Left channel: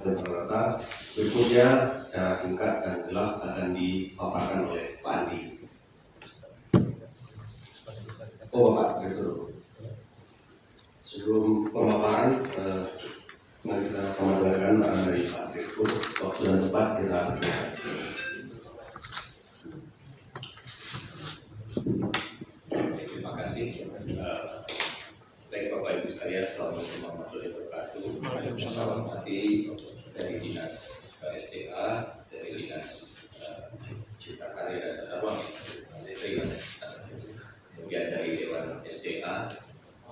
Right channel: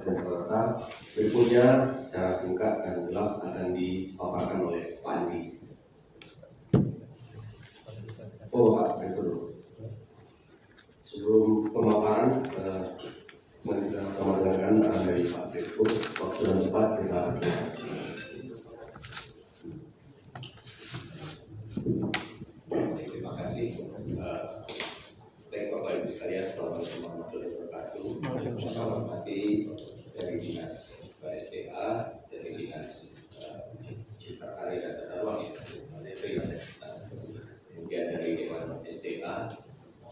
Rata berikutnya secara singkat dan jelas akan dipaparkan oleh Pak Andi. Bapak, itu dulu. Sebelum pemaparan, mari kita sama dengarkan arahan dari Pak Direktur. Waktu dan tempat kita silakan. Terima kasih. Baik Bapak Ibu sekalian, Assalamualaikum warahmatullahi wabarakatuh. Saya hormati dari Dinas SDA, dari Dinas Cipta Karya dan Tata Ruang, kemudian dari Dewan SDA.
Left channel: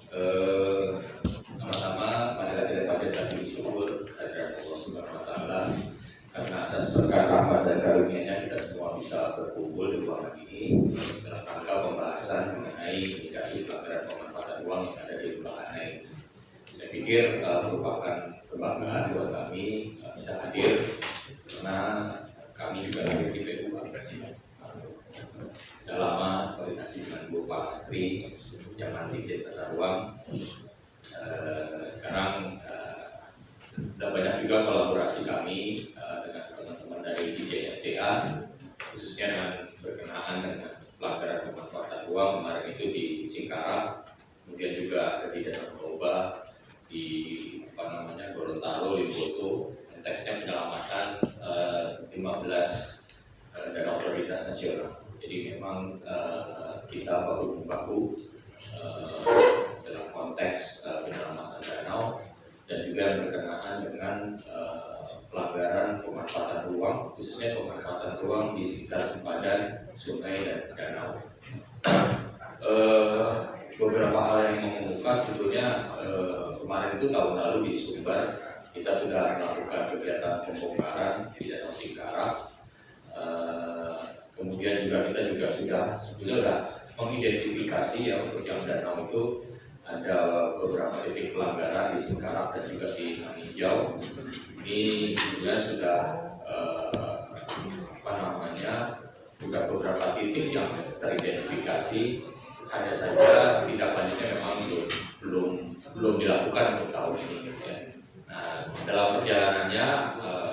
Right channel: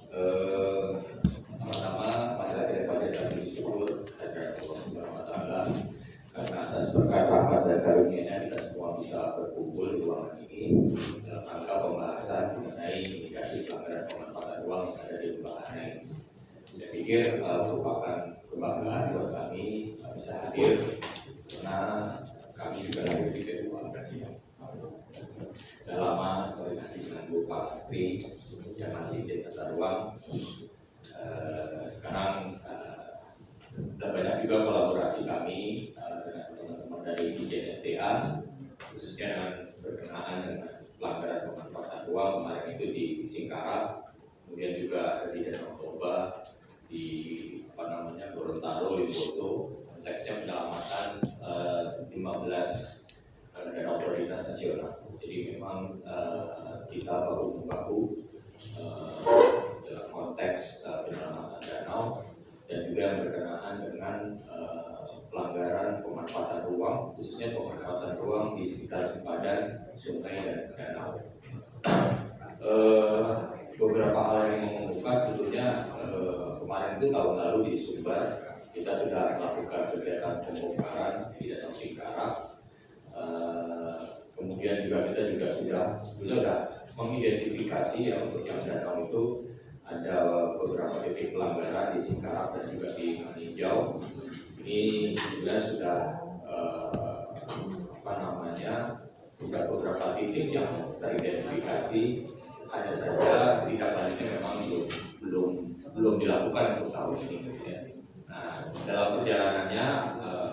Pertama-tama, marilah kita panjatkan puji syukur kepada Allah Subhanahu wa Ta'ala karena atas berkat rahmat dan karunia-Nya kita semua bisa berkumpul di ruangan ini dalam rangka pembahasan mengenai indikasi pelanggaran pemanfaatan ruang yang ada di Pulau Anai. Saya pikir merupakan kebanggaan buat kami bisa hadir karena kami juga hadir di PU. Sudah lama koordinasi dengan Bu Pak Astri yang nanti jadi tata ruang. Sekarang sudah banyak juga kolaborasi kami dengan teman-teman dari DJSDA, khususnya dengan berkenaan dengan pelanggaran pemanfaatan ruang kemarin itu di Singkarak, kemudian juga ada di Danau Toba, di Gorontalo, Limboto. Konteksnya penyelamatan 15 danau prioritas nasional. Jadi memang kita bahu-membahu dalam konteks penyelamatan danau dan juga berkenaan dengan pelanggaran pemanfaatan ruang, khususnya pemanfaatan ruang di sekitar sempadan sungai dan danau. Beberapa hal yang ingin membuka sebetulnya kemarin itu tahun lalu di Sumbar kita sudah melakukan kegiatan pembongkaran di Danau Singkarak. Kemudian juga kita sudah mengidentifikasi ya untuk yang danau itu ada beberapa titik pelanggaran di Singkarak dan juga di Maninjau. Ini kemudian sudah sudah beberapa titik yang teridentifikasi. Hanya saja tindak lanjutnya memang belum dilakukan untuk tahun ini. Gitu ya. Nah, dalam perjalanannya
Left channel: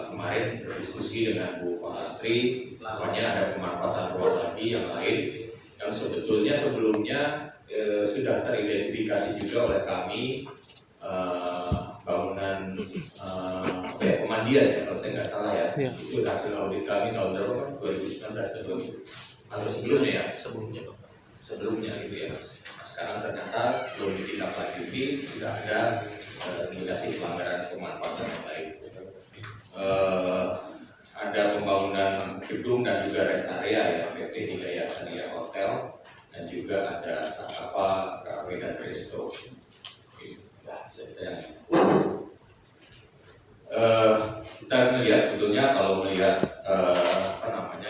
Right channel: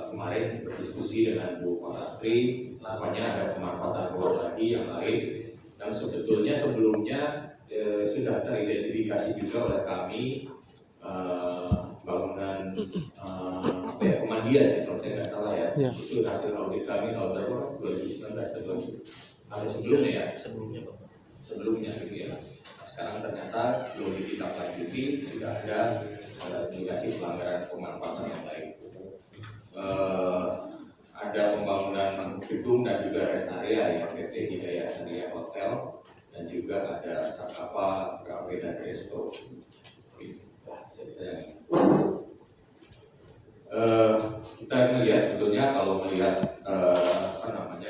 kemarin berdiskusi dengan Bu Astri, namanya ada pemanfaatan ruang lagi yang lain yang sebetulnya sebelumnya sudah teridentifikasi juga oleh kami, bangunan pemandian ya, kalau saya nggak salah ya. Itu hasil audit kami tahun berapa, 2019 atau sebelumnya ya? Sebelumnya gitu ya. Nah, sekarang ternyata belum ditindaklanjuti, sudah ada indikasi pelanggaran pemanfaatan yang lain. Ada pembangunan gedung dan juga rest area ya, PT Hidayah Syariah Hotel, dan juga ada Sakapa Cafe dan Resto. Kita melihat sebetulnya kalau melihat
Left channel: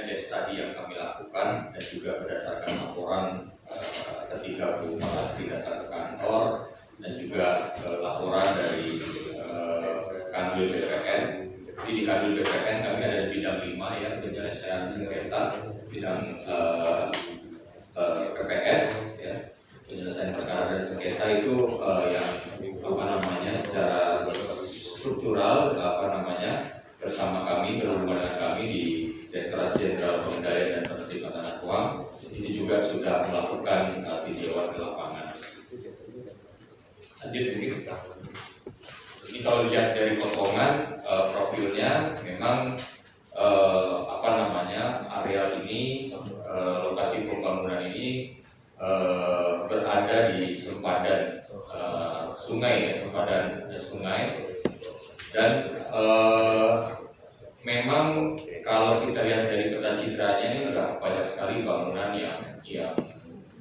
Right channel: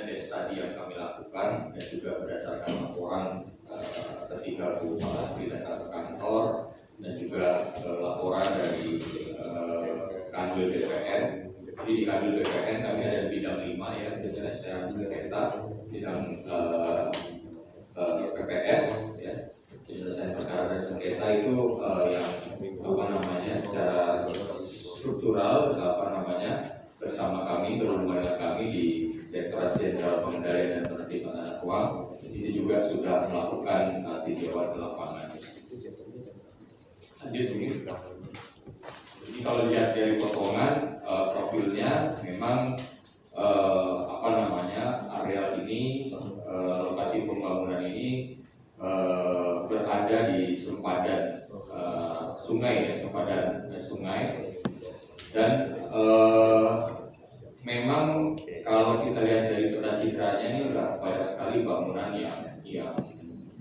desk tadi yang kami lakukan dan juga berdasarkan laporan ketika Bu Astri datang ke kantor dan juga laporan dari Kanwil BPN. Jadi di Kanwil BPN kami ada di bidang 5 ya, penyelesaian sengketa, bidang PPS ya, penyelesaian perkara dan sengketa itu yang secara struktural bersama kami, berhubungan dengan kami di Direktorat Jenderal Pengendalian dan Penertiban Tata Ruang. Ini juga sudah melakukan tinjauan ke lapangan. Lanjut mungkin. Ini kalau dilihat dari potongan profilnya, memang areal ini, lokasi pembangunan ini berada di sempadan sungai, dan memang kalau kita lihat dari peta citranya ini sudah banyak sekali bangunan yang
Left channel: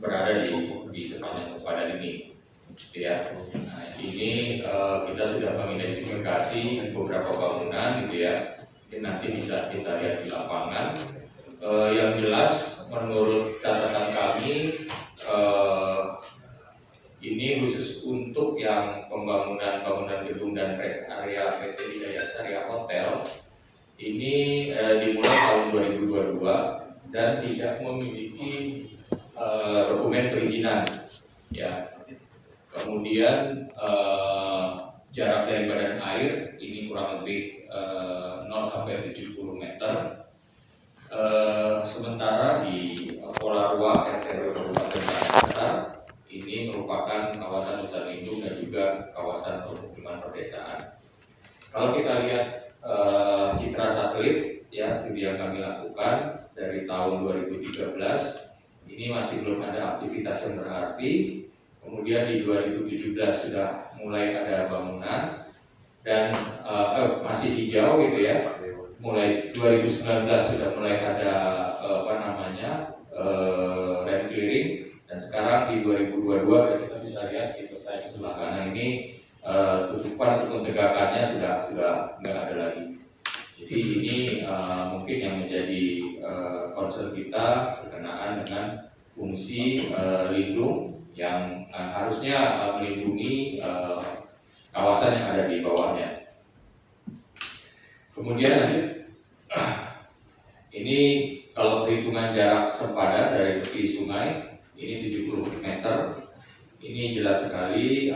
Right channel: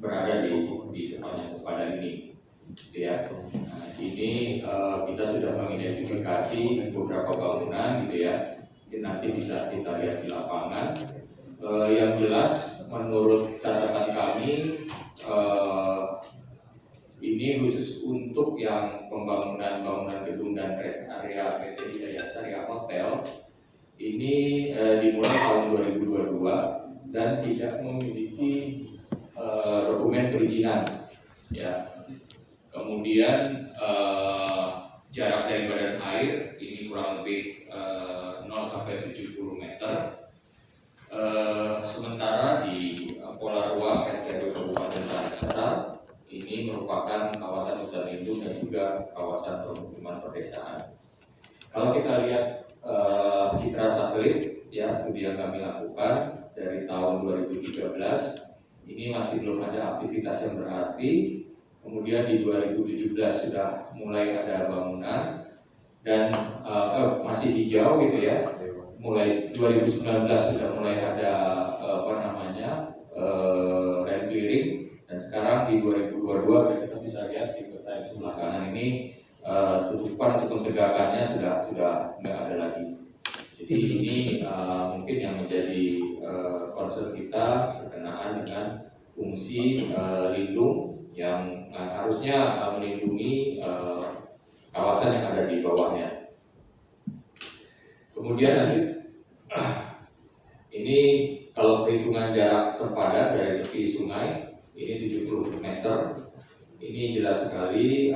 berada di sepanjang sempadan ini, gitu ya. Nah, ini kita sudah mengidentifikasi beberapa bangunan, gitu ya. Mungkin nanti bisa kita lihat di lapangan. Yang jelas, menurut catatan kami, ini khusus untuk yang pembangunan gedung dan rest area PT Hidayah Syariah Hotel. Ini dimulai tahun 2022 dan tidak memiliki dokumen perizinan ya. Kemudian jarak dari badan air ini kurang lebih 0 sampai 70 meter. Sementara di pola ruang RT Kabupaten Tanah ini merupakan kawasan hutan lindung dan juga kawasan pemukiman perdesaan. Kalau kita lihat citra satelit ya, studi yang kami lakukan dari tahun 2013 ini masih belum ada aktivitas yang berarti. Kemudian di 2017 sudah mulai ada bangunan dan masih hijau gitu ya. Mulai 2019 sudah mulai ada land clearing, dan sekarang di 2022 kita bisa lihat di peta yang sebelah kanan ini tutupan ataupun tegakannya sudah nggak ada lagi. Jadi ini mungkin yang menjadi concern kita berkenaan dengan fungsi lindung yang harusnya melindungi kawasan yang ada di bawahnya. Kemudian lanjut, ini kalau perhitungan jarak sempadan dari tepi sungai ini 70 meter. Ini jelas sekali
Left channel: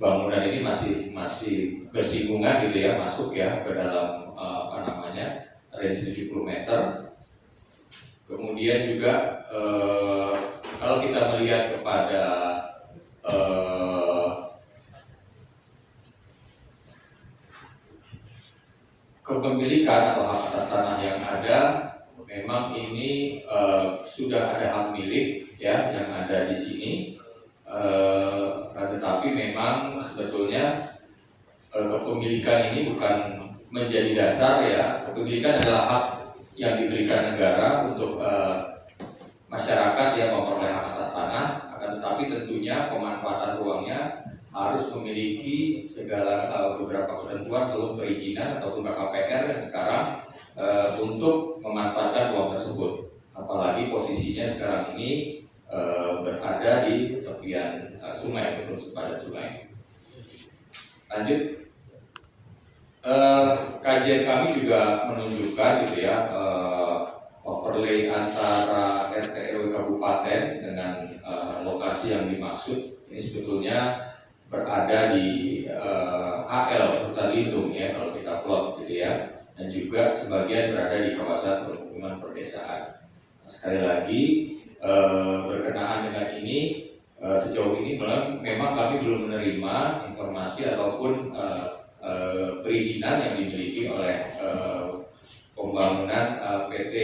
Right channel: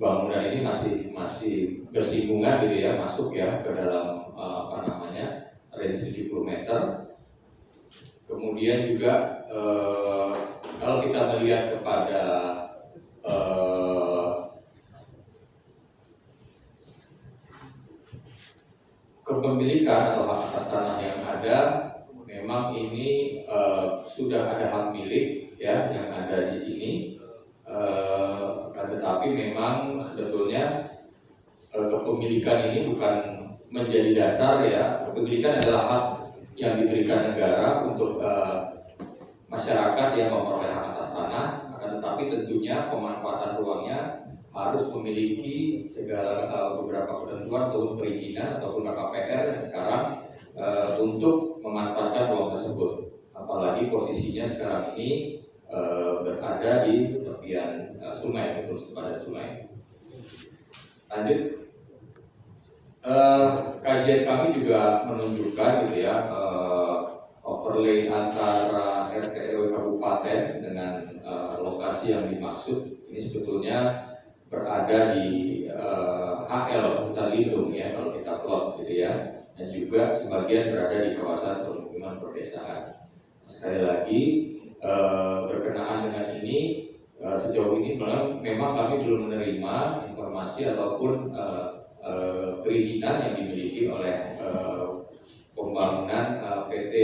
bangunan ini masih bersinggungan gitu ya, masuk ya ke dalam range 70 meter. Kemudian juga kalau kita melihat kepada kepemilikan atau hak atas tanah yang ada, memang ini sudah ada hak milik ya yang ada di sini, tetapi memang sebetulnya kepemilikan ini bukan menjadi dasar ya. Kepemilikan adalah hak yang diberikan negara untuk masyarakat yang memperoleh hak atas tanah, akan tetapi tentunya pemanfaatan ruangnya harus memiliki segala beberapa ketentuan atau perizinan ataupun KKPR yang sekarang untuk memanfaatkan ruang tersebut. Apalagi posisinya sekarang ini berada di tepian sungai atau sepadan sungai. Lanjut, kajian kami juga menunjukkan gitu ya, overlay antara RT RW kabupaten dengan lokasi yang dimaksud ini sebetulnya berada di HL hutan lindung ya kalau kita plot gitu ya, dan juga sebagian berada di kawasan permukiman perdesaan. Sekali lagi berkenaan dengan ini sejauh ini memang kami belum menerima informasi ataupun perizinan yang dimiliki oleh pembangunan PT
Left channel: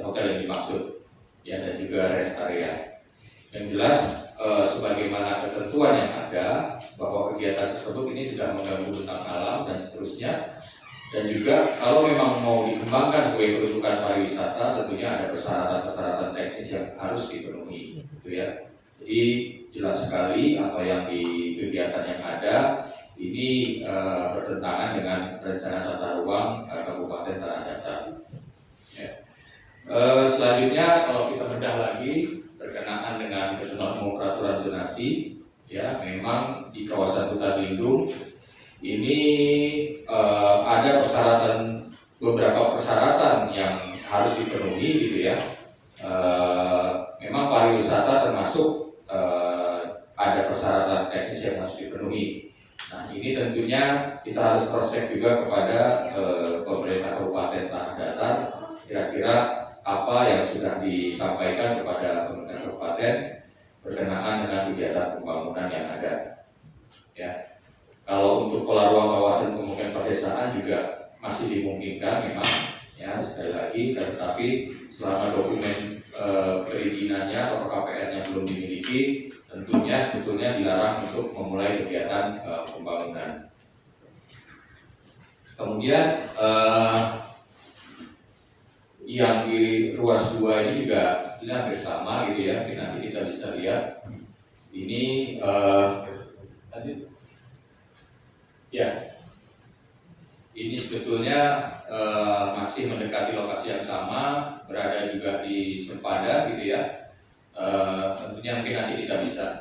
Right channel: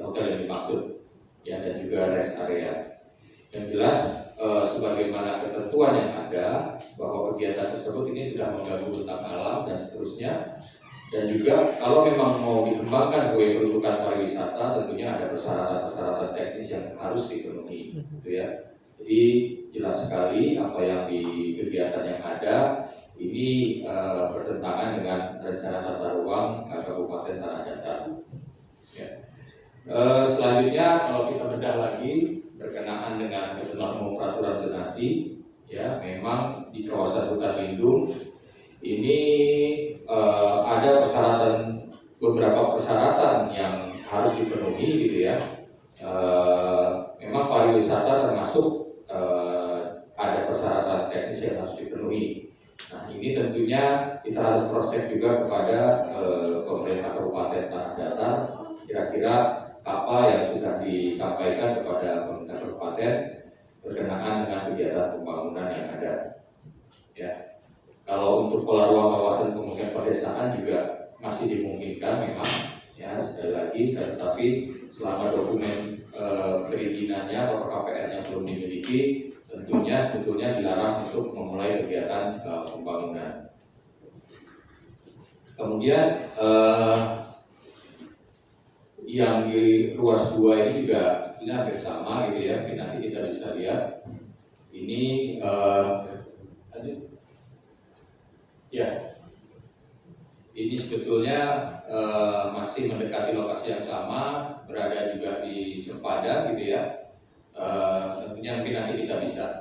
hotel yang dimaksud ya, dan juga rest area. Yang jelas sebagaimana ketentuan yang ada bahwa kegiatan tersebut ini sudah mengganggu bentang alam dan seterusnya, dan juga kalau memang mau dikembangkan sebagai peruntukan pariwisata tentunya ada persyaratan teknis yang harus dipenuhi gitu ya. Jadi jelas sekali apa yang di kegiatan yang ada ini bertentangan dengan rencana tata ruang Kabupaten Tanah Datar ya. Selanjutnya kalau kita bedah lagi berkenaan dengan ketentuan umum peraturan zonasi ya, memang di kawasan hutan lindung ini ada beberapa persyaratan yang harus dipenuhi gitu ya. Memang pariwisata termasuk ada persyaratan teknis yang harus dipenuhi. Nah ini tentunya kita harus cross check juga kepada pemerintah Kabupaten Tanah Datar, kira-kira apa yang sudah disampaikan kepada pemerintah kabupaten berkenaan dengan kegiatan pembangunan yang ada. Ya, kalau untuk pola ruang kawasan pemukiman perdesaan juga masih dimungkinkan memang ya, sekali lagi, tetapi selama dokumen perizinannya atau KPR-nya belum dimiliki, tentunya sebetulnya dilarang untuk memulai kegiatan pembangunan. Kemudian yang di ruas 2 ini juga sebetulnya hampir sama gitu ya. Nanti kita bisa lihat ini ya, ini sebetulnya masih mendekati lokasi yang sama, berada juga di sempadan gitu ya. Tentunya mungkin nanti kita bisa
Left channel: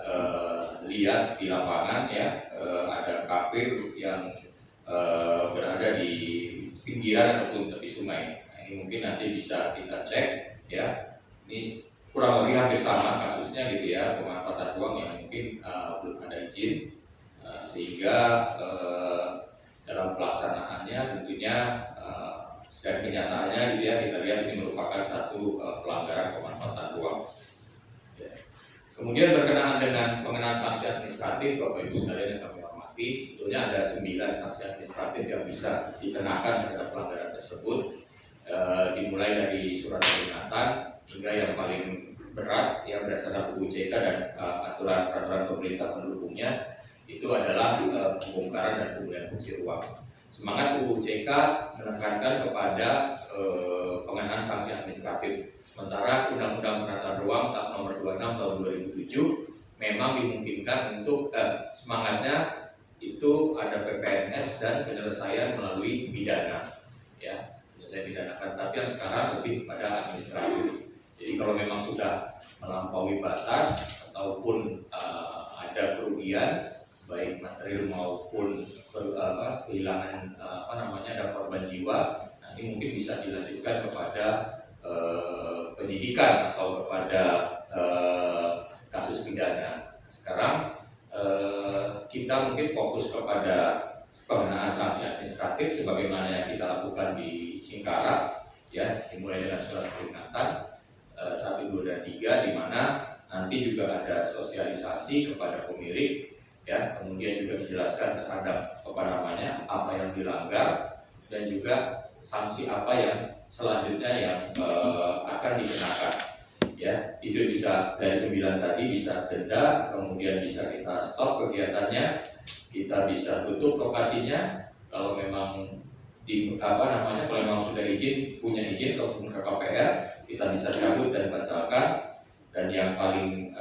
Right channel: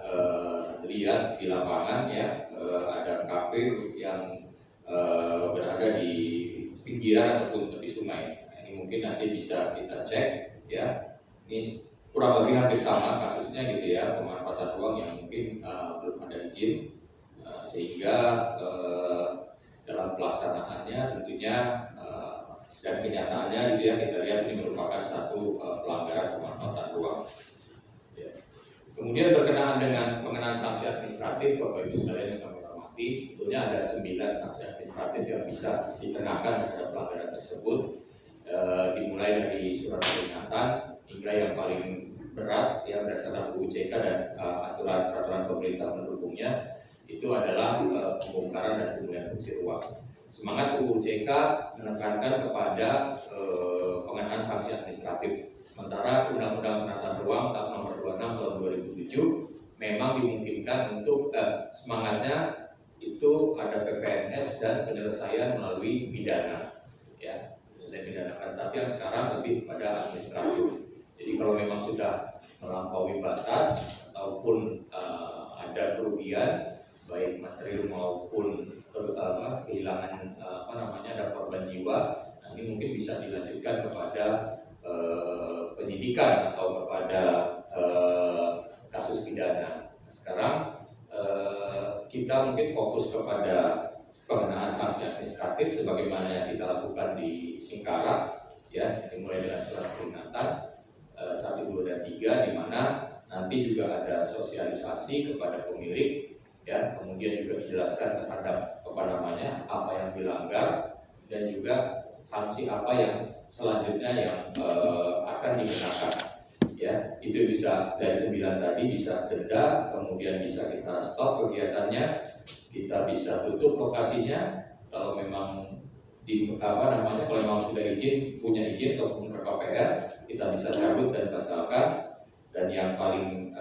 lihat di lapangan ya, ada kafe yang berada di pinggiran ataupun tepi sungai. Mungkin nanti bisa kita cek ya. Ini kurang lebih hampir sama kasusnya gitu ya, pemanfaatan ruang yang mungkin belum ada izin. sehingga dalam pelaksanaannya tentunya dan kenyataannya kita lihat ini merupakan satu pelanggaran pemanfaatan ruang. Ya. Kemudian berkenaan dengan pengenaan sanksi administratif, Bapak Ibu sekalian yang kami hormati, sebetulnya ada 9 sanksi administratif yang bisa dikenakan terhadap pelanggaran tersebut, dimulai dari surat peringatan hingga yang paling berat yang berdasarkan UU CK dan aturan-peraturan pemerintah pendukungnya itu adalah pembongkaran dan pemulihan fungsi ruang. Semangat UU CK menekankan kepada pengenaan sanksi administratif. Sementara Undang-Undang Penataan Ruang Nomor 26 tahun 2007 memang dimungkinkan untuk semangatnya itu ada PPNS dan penyelesaian melalui pidana, ya, penyelesaian pidanakan. Tapi yang sekarang lebih kepada administratif. Jadi kalau memang sudah melampaui batas ataupun ada kerugian baik material maupun kehilangan ada korban jiwa, nah ini mungkin bisa dilanjutkan kepada penyidikan atau kepada kasus pidana. Sekarang kita mungkin fokus kepada pengenaan sanksi administratif sebagaimana yang kita lakukan di Singkarak, ya, dimulai dengan surat peringatan 1, 2, dan 3, di mana nanti juga ada sosialisasi kepada pemilik, ya, kemudian juga dijelaskan terhadap apa yang dilanggar dan juga sanksi apa yang selanjutnya yang akan dikenakan, ya. Itu bisa dari 9 tadi, bisa denda, kemudian bisa kita stop kegiatannya, kita bisa tutup lokasinya kalau memang kalau memang sudah punya izin ataupun ke KPR, kita bisa cabut dan batalkan. Dan yang paling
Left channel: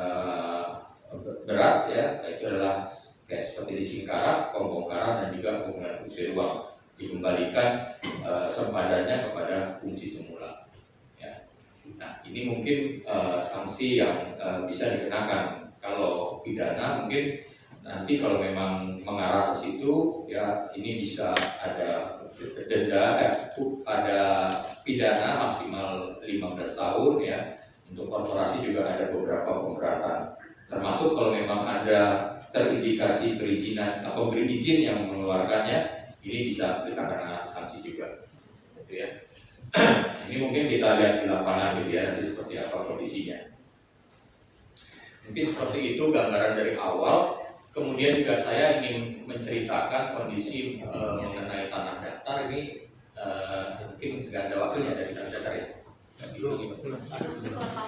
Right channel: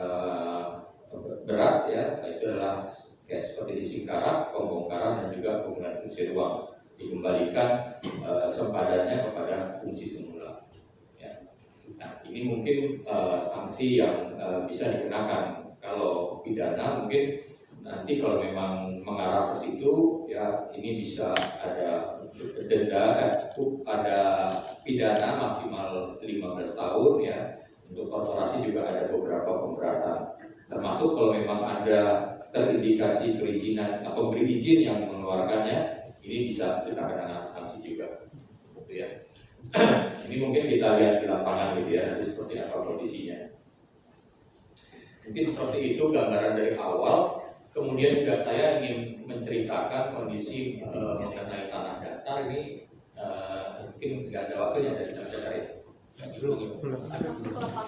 berat, ya, itu adalah kayak seperti di Singkarak, pembongkaran dan juga pemulihan fungsi ruang, dikembalikan sempadannya kepada fungsi semula. Ya. Nah, ini mungkin sanksi yang bisa dikenakan. Kalau pidana mungkin nanti kalau memang mengarah ke situ, ya, ini bisa ada denda, ada pidana maksimal 15 tahun, ya. Untuk korporasi juga ada beberapa pemberatan. Termasuk kalau memang ada terindikasi perizinan atau pemberi izin yang mengeluarkannya, ini bisa dikenakan sanksi juga, gitu ya. Ini mungkin kita lihat di lapangan, gitu ya, nanti seperti apa kondisinya. Mungkin seperti itu gambaran dari awal. Kemudian juga saya ingin menceritakan kondisi mengenai tanah datar ini. Mungkin nggak ada wakilnya dari tanah datar ya.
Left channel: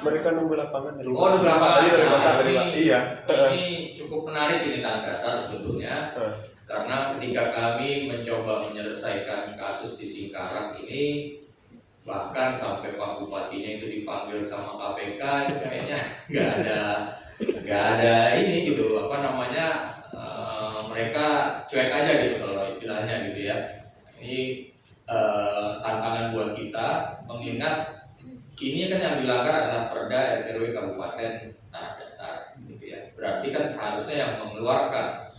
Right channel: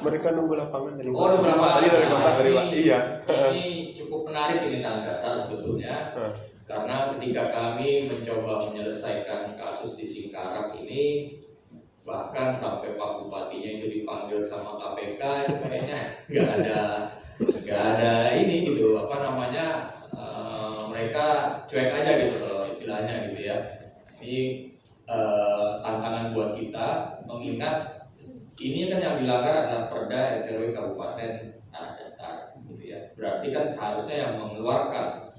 Mereka nunggu lapangan di luar. Nunggu lapangan. Iya. Ini cukup menarik ini tanah datar sebetulnya, karena ketika kami mencoba menyelesaikan kasus di Singkarak ini, bahkan sampai Pak Bupatinya itu dipanggil sama KPK, itu kayaknya nggak ada ini gitu, mereka cuek aja gitu kalau istilahnya gitu ya. Ini tantangan buat kita, mengingat ini kan yang dilanggar adalah Perda RW Kabupaten Tanah Datar, gitu ya. Berarti kan seharusnya yang mengeluarkan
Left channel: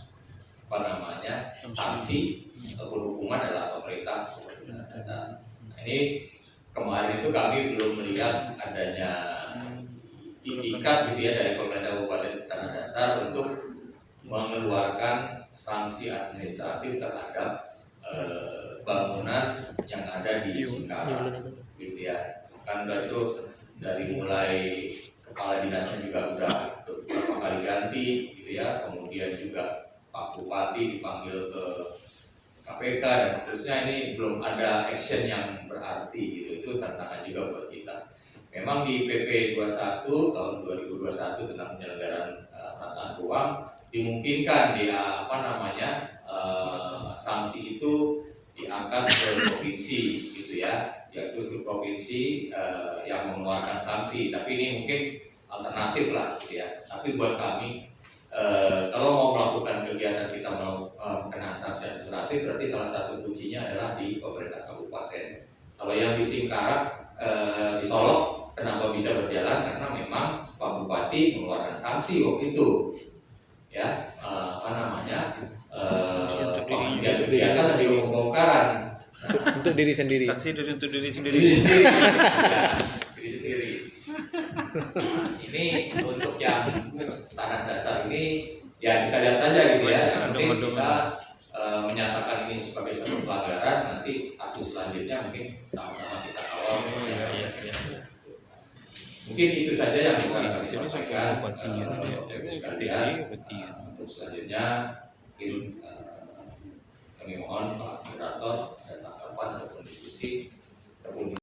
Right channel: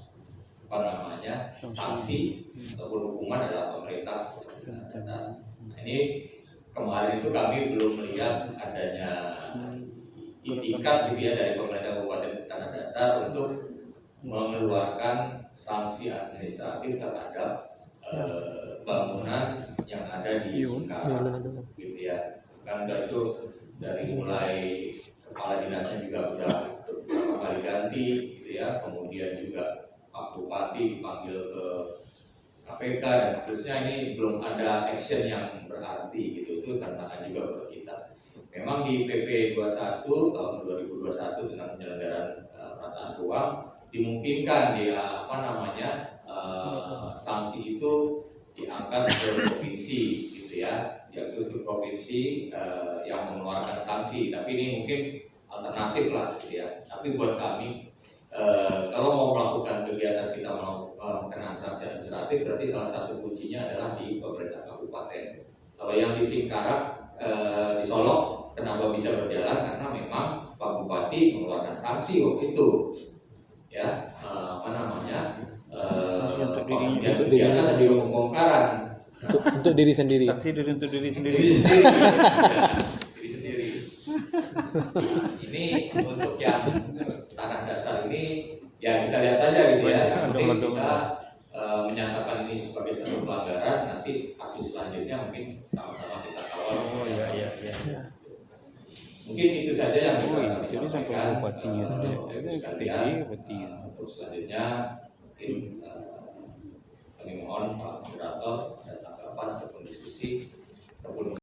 sanksi ataupun hukuman adalah pemerintah Tanah Datar. Nah, ini kemarin itu kami belum melihat adanya itikat, gitu ya, dari pemerintah Kabupaten Tanah Datar untuk mengeluarkan sanksi administratif terhadap bangunan yang ada di Singkarak, gitu ya. Karena itu dari mulai kepala dinasnya juga sudah beberapa kali ganti, gitu ya. Kemudian juga Pak Bupati dipanggil ke KPK dan seterusnya. Ini belum ada action yang berarti, gitu. Itu tantangan juga buat kita. Memang di PP 21 tahun 2021 tentang penyelenggaraan penataan ruang dimungkinkan sanksi itu diangkat ke provinsi, gitu ya, yaitu ke provinsi yang mengeluarkan sanksi. Tapi ini mungkin alternatif lah, gitu ya. Tapi buat kami, kalau mau melakukan kegiatan kita mau mengenai sanksi administratif, berarti salah satu kuncinya adalah di pemerintah kabupaten. Kalau yang di Singkarak, di Solok, kenapa bisa berjalan? Karena memang Pak Bupati mengeluarkan sanksi waktu itu, ya, kegiatan di pembongkaran untuk diri sendiri. Sanksi untuk diri sendiri. Ya, diri sendiri. Ini untuk yang tanah datar ini Ya kita lihat saja gitu ya. Yang penting Ada. kita menyatakan ini sebagai satu pelanggaran, nanti aksi selanjutnya mungkin sama-sama kita kawal. Iya. Mungkin itu saja yang bisa kami Itu sampai sampaikan. bupatinya tuh, Bapak Ibu sekalian. bupati. Untuk selanjutnya mungkin